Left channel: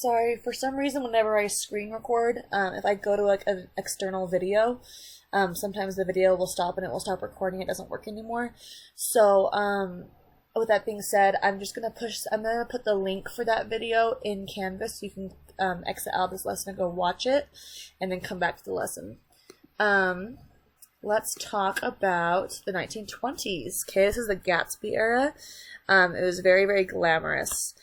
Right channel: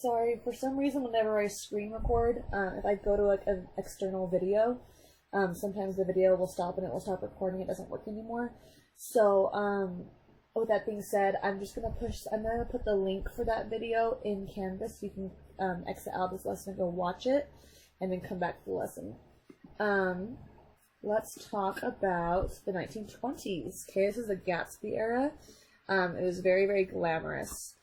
Sorry, for some reason, whenever I screen record, if I go to like an external video, sometimes the video will stop and it will stop recording. It doesn't work anymore. So, with that being said, I'm gonna put the link for that video in Canvas. So you can exit out this lesson and go watch it, and then come back to the lesson. Let's talk about the 1920s. Okay, this is the Gatsby era. It was very, very glamorous.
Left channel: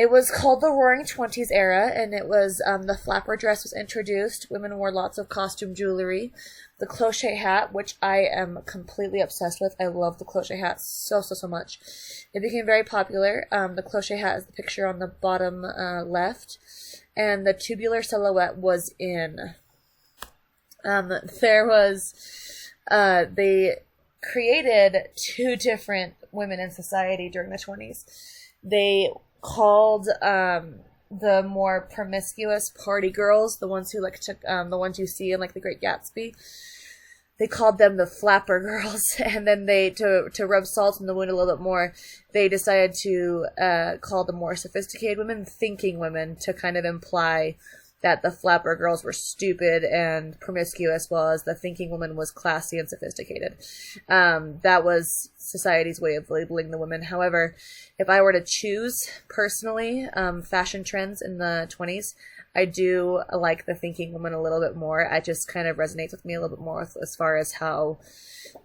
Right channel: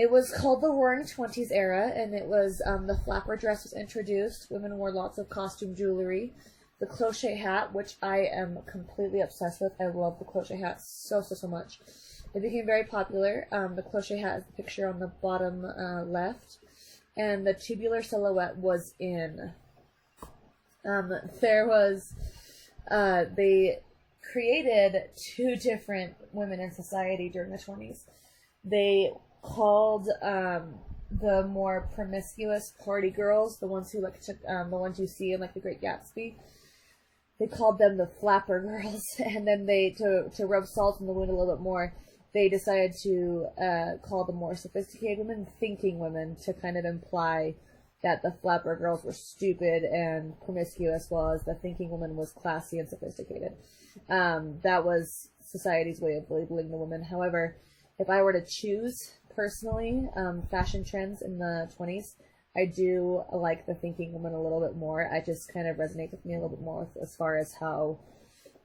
It was called the Roaring Twenties era, and it was, the flapper dress was introduced. Women wore lots of costume jewelry. The cloche hat, which I am completely obsessed with. I love the cloche hat so, so, so much. It became very popular. The cloche hat is the picture on the bottom left, and the tubular silhouette was in. They created two different women in society during the 20s. They called the more promiscuous party girls, the ones who the ones you see in like The Great Gatsby, they called them the flapper girls. And then to rub salt in the wound a little bit more, they decided to call the more sophisticated women thinking women, to kind of imply that the flapper girls were stupid and promiscuous, while as the thinking woman was classy and sophisticated. That was society's way of labeling the women. However, if I were to choose personally fashion trends in the 20s, I do like the thinking woman a little bit more. It just kind of resonates with me a little bit more as far as how,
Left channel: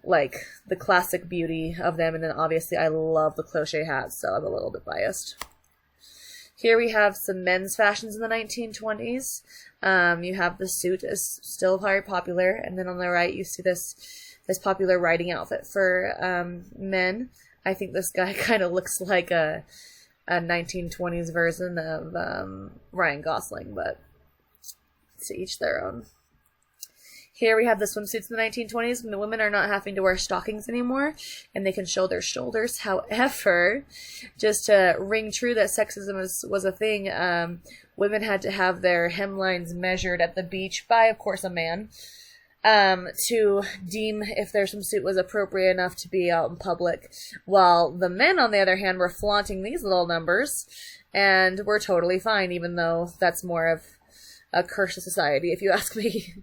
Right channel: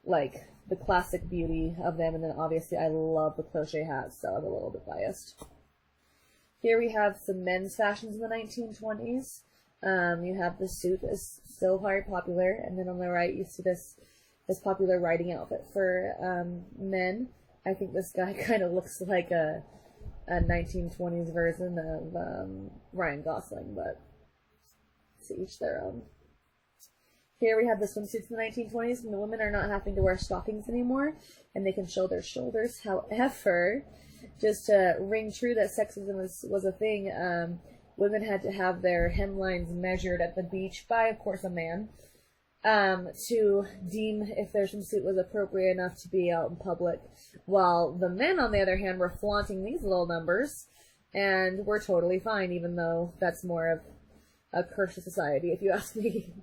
like, the classic beauty of them. And then obviously I love the cloche hats, so I'm a little bit biased. Here we have some men's fashions in the 1920s. You have the suit is still very popular, and then on the right you see this popular riding outfit for men. I think this guy kind of looks like a 1920s version of Ryan Gosling, but to each their own. Here we have the swimsuits in the 1920s, when the women are not having to wear stockings anymore, and they can show their shoulders. However, just to ring true that sexism was a thing, women had to have their hemlines measured at the beach by, of course, a man, to deem if their swimsuit was appropriate enough to be out in public, while the men, on the other hand, were flaunting these little numbers, and were totally fine, even though that's more of a curse of society, if you ask me.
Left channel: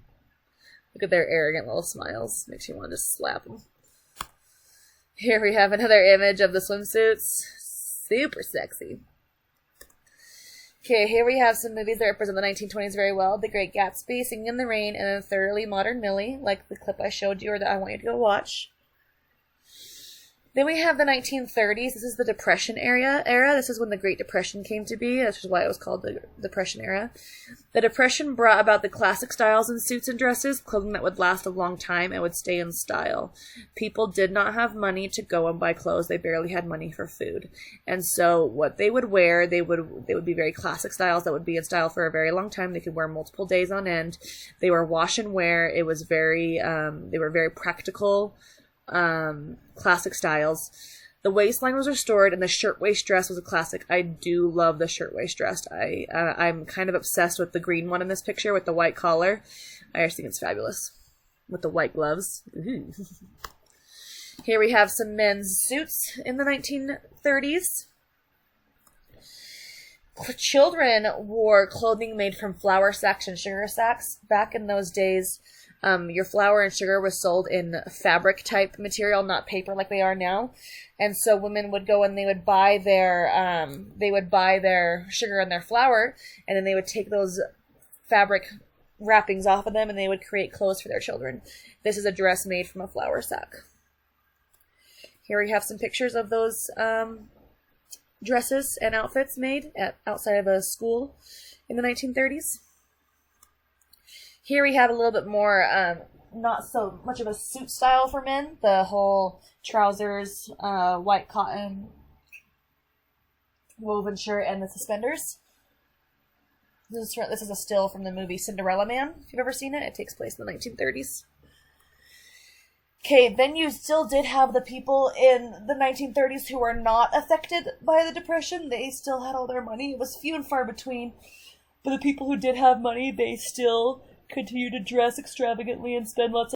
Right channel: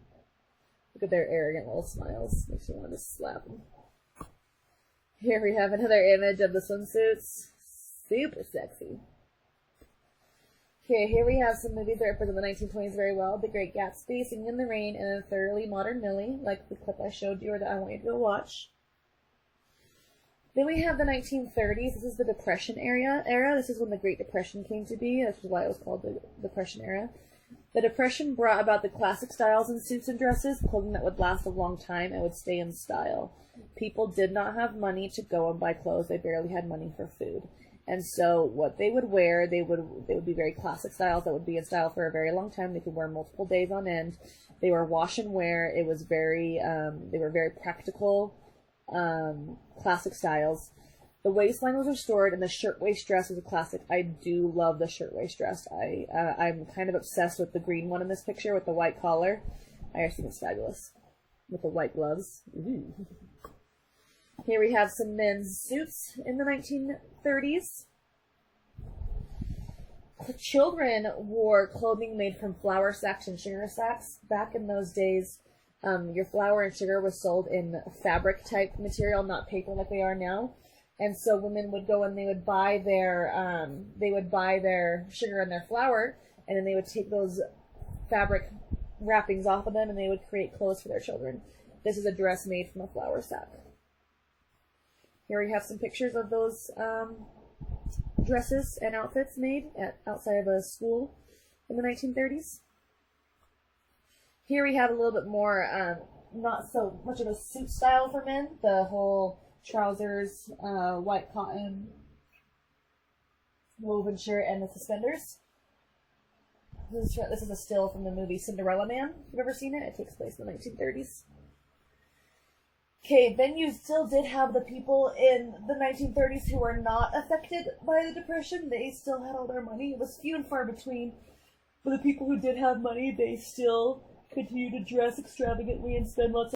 Look at their arrogant little smiles. Makes you want to slap them. Here we have another image of the swimsuits. Super sexy. Okay, here we have some movies that represent the 1920s very well. The Great Gatsby, Singing in the Rain, and then Thoroughly Modern Millie, like the clip I showed you or that I want you to go watch. Then we have the 1930s. This is the Depression era. This is when the Great Depression came to be. That's why it was called the Depression era. The Depression brought about the classic styles in suits and dresses, clothing that would last a long time and would stay in style. People did not have money to go and buy clothes. They barely had money for food. And so what they would wear, they would be very classic styles that would be in style for a very long time. They could wear multiple days on end. They were wash and wear. It was they were very practical, classic styles. The waistline was restored, and the shirtwaist dress was a classic. I do love the shirtwaist dress. I'm kind of obsessed with the green one in this picture with the white collar. I just think it's fabulous. With the white gloves. Ooh. Here we have some men's suits in the 1930s. Children wore clothing made from flour sacks and sugar sacks. Back in those days, your flour and sugar was sold in fabric type material, not paper like they are now. And so women would go and they would buy their sugar and their flour, and then they would take those fabric wrappings off of them, and they would create clothes for their children. This is a dress made from a flour sack. Here we have some pictures of those dresses and outfits made outside of a school in the 1930s. Here we have a little bit more, not so much of a suit style for men. The whole trousers, white cotton, woven shirt, and the suspenders. This is a still from the movie Cinderella Man, if you've ever seen it. It takes place in the 1930s. Okay, then you still did have the people in the 1930s who were not affected by the Depression. They still had all their money. It was few and far between. But the people who did have money, they still continue to dress extravagantly and spend lots of